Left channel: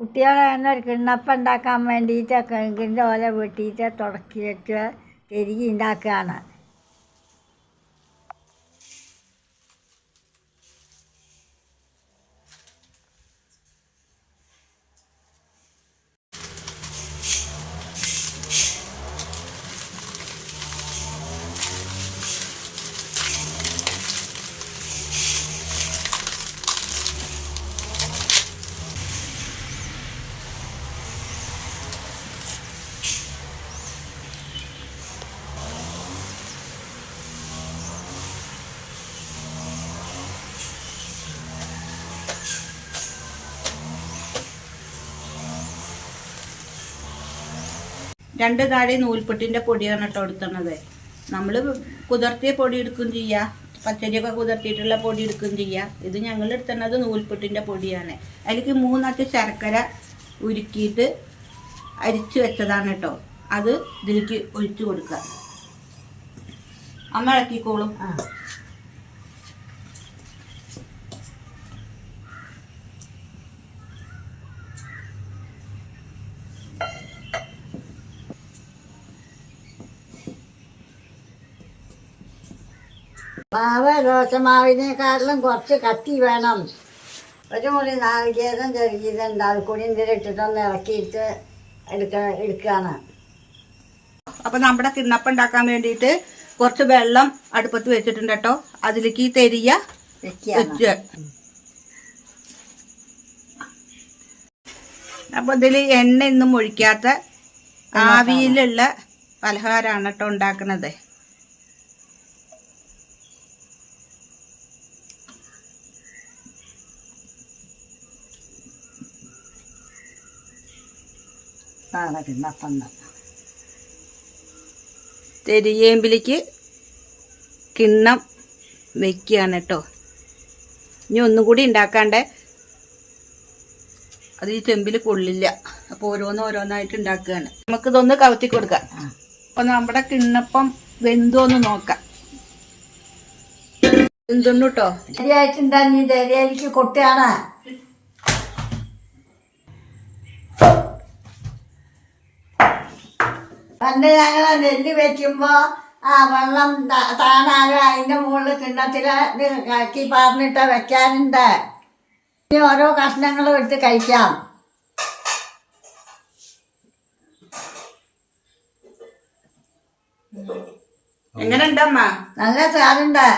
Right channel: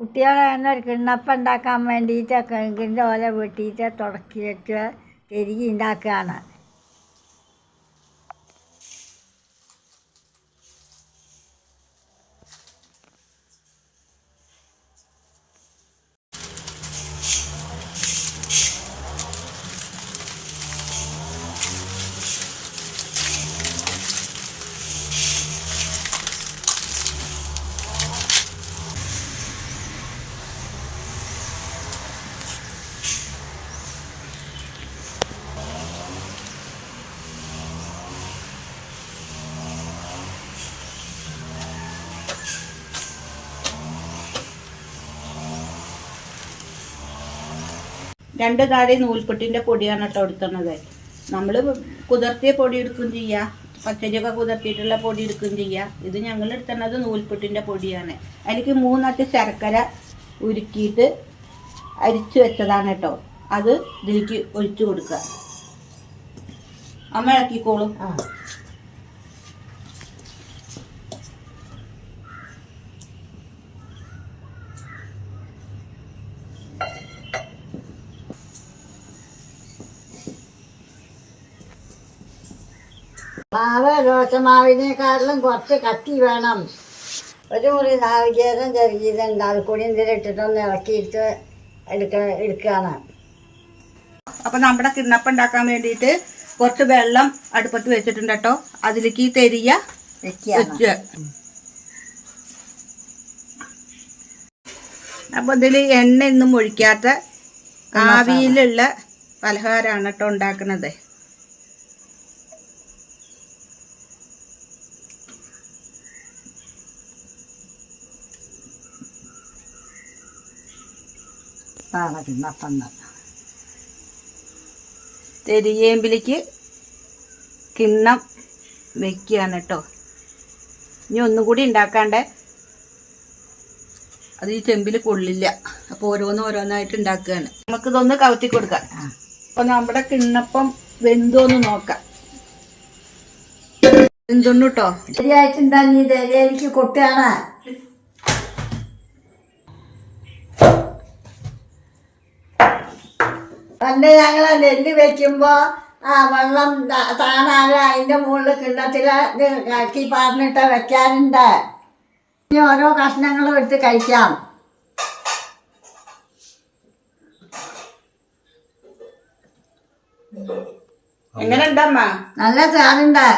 കുട്ടികളെ തന്നെ ഒരു കിണ്ണപ്പം ഉണ്ടാക്കാൻ വേണ്ടിയിട്ട് കിഴങ്ങിൻ്റെ ഓല വെട്ടിയിട്ട് തുടക്കിയിട്ട് തിരികെ ഉണ്ടാക്കുകയാണ്. രണ്ട് താടി നൂൽപുട്ടിൻ്റെ പൊടിയാണ് കേട്ടോ എടുക്കുന്നത്. നമ്മൾ കുതിർത്തിയ പൊടി എടുക്കുകയും ചെയ്യുക, പച്ചരിയൊക്കെ കുതിർത്തിയിട്ടുള്ള പൊടി എടുക്കുകയും ചെയ്യുക. ഇത് ഞങ്ങൾ എടുക്കുന്നത് നൂൽപുട്ടിൻ്റെ പൊടിയാണ്. അതിലേക്ക് 3 അട്ടി ശർക്കര ഉരുക്കിയിട്ട് അരിച്ചു വെച്ചതാണ് കേട്ടോ. അത് ഇതിലേക്ക് ഒഴിച്ചു കൊടുക്കുക. അമ്മ ഇളക്കിക്കോളും. മാവ് ദോശമാവിനേക്കാട്ടിലും കുറച്ച് കട്ടി വേണം. ഒരു മുറി നാളികേരം ചെറുകീരണ്ട് അത് കൂടി ഇതിലിട്ടിട്ടൊന്ന് ഇളക്കിയിട്ട് എടുക്കുകയാണ്. അപ്പം നമ്മുടെ കിണ്ണപ്പം ഉണ്ടാക്കാൻ വേണ്ടിയിട്ട് കുറച്ച് വെള്ളം അടുപ്പത്ത് വെച്ചിട്ടുണ്ട് കേട്ടോ. അതിലേക്ക് തെരിയ വെക്കുക. അപ്പോൾ ഇതിൽ എണ്ണ ഒന്നും ഒഴിക്കാത്ത ആവിയിലുള്ള പലഹാരമാണ് കേട്ടോ ഉണ്ടാക്കുന്നത്. തെരിയേമ്പിലേക്ക് കിണ്ണം വെക്കുകയാണ് കേട്ടോ. ഇനി ഒന്നും കൂടി ഉണ്ടാക്കാണ്ടേ, അത് ഈ ചെമ്പിൽ കൊള്ളില്ല. അപ്പോൾ ഓരോന്നായിട്ട് ഉണ്ടാക്കുകയാണ്. നമുക്കിതൊന്ന് കവുത്തി കൊടുക്കാം. അപ്പം നമ്മുടെ കിണ്ണപ്പം വെന്തോന്ന് നോക്കാം. വെന്തുണ്ട് കേട്ടോ. ശരിയായിട്ടുണ്ടാ? നീ ശരിയായിരിക്കും കൊട്ടുകയാണ്. പണ്ട് ഞങ്ങൾ നെല്ല് വെക്കുമ്പോൾ ആ വെള്ളം താണാല് അതിൻ്റെ മുകളിൽ കിണ്ണത്തിൽ കലക്കി പറഞ്ഞിട്ട് വെക്കാനുണ്ട്. ഇനി ഓരോ കഷ്ണങ്ങളും എടുത്ത് കഴിക്കാം. എങ്ങനെ ഉണ്ടമ്മ? നല്ല ചാറുണ്ട്.